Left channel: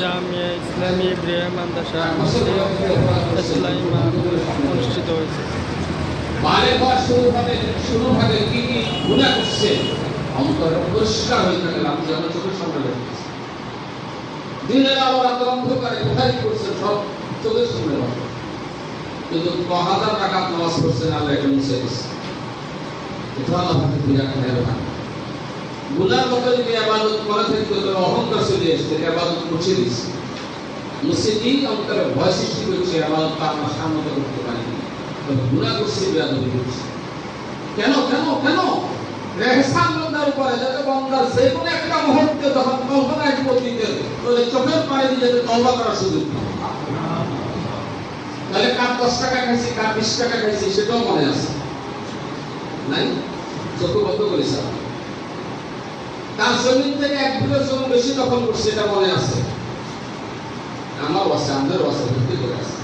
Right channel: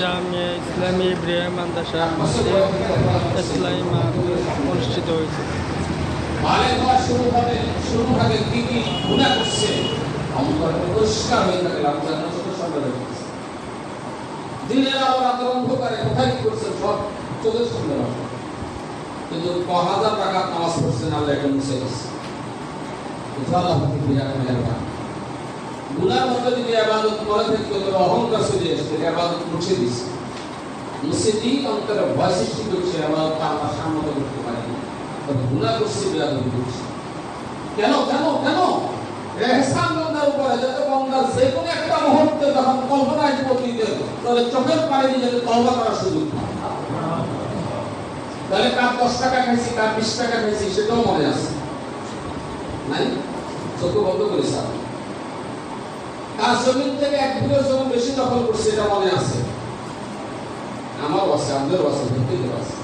জামিয়া ইসলামী ইব্রাহিম মাদ্রাসা মাসে ইসলামী মাঠ অনুষ্ঠিত হয়েছে। কি কি গুনাহ করছে অন্তর পরিষ্কার হয়ে থাকে রমজানের চোখের সামনে রাখছে। দিনের আলো রাতের অন্ধকারে কোথায় করছে সব চোখের সামনে রাখছে, কিন্তু 1000 রাকাত নামাজ পড়ছেন আল্লাহ এটা মুছে দিচ্ছে। এটা আমাকে বিরাট মেহরবান। গুনার মতো যদি ইবাদত করে থাকে তো অহংকার চলে আসছে, ইবাদত মুছে দিচ্ছে। মুছে দিয়ে অন্তরে ভয় সৃষ্টি করছে, ইবাদত আমরা সামনে করতে পারি না। গুনাহ করছে, বেয়াদবি করছে। কেন কেন কেন ইহসান বান্দার উপরে যাতে বান্দার যে কোনো একটা মুহূর্তে যখন কল্পনা আসবে অতীতের, তাহলে চোখের পানি দিয়ে যাতে তওবা করার সুযোগ পায়। তাহলে কার 10 টাকা খাইছি, কার 20 টাকা খাইছি সেটাও মনে আছে নাই? চোখ বন্ধ করে সাথ তার জমিন থেকে 1 বিঘা জমি বেশি দখল করছে এটা মনে আছে? আমারও আছে, আমাদেরও আছে, প্রত্যেকের আছে।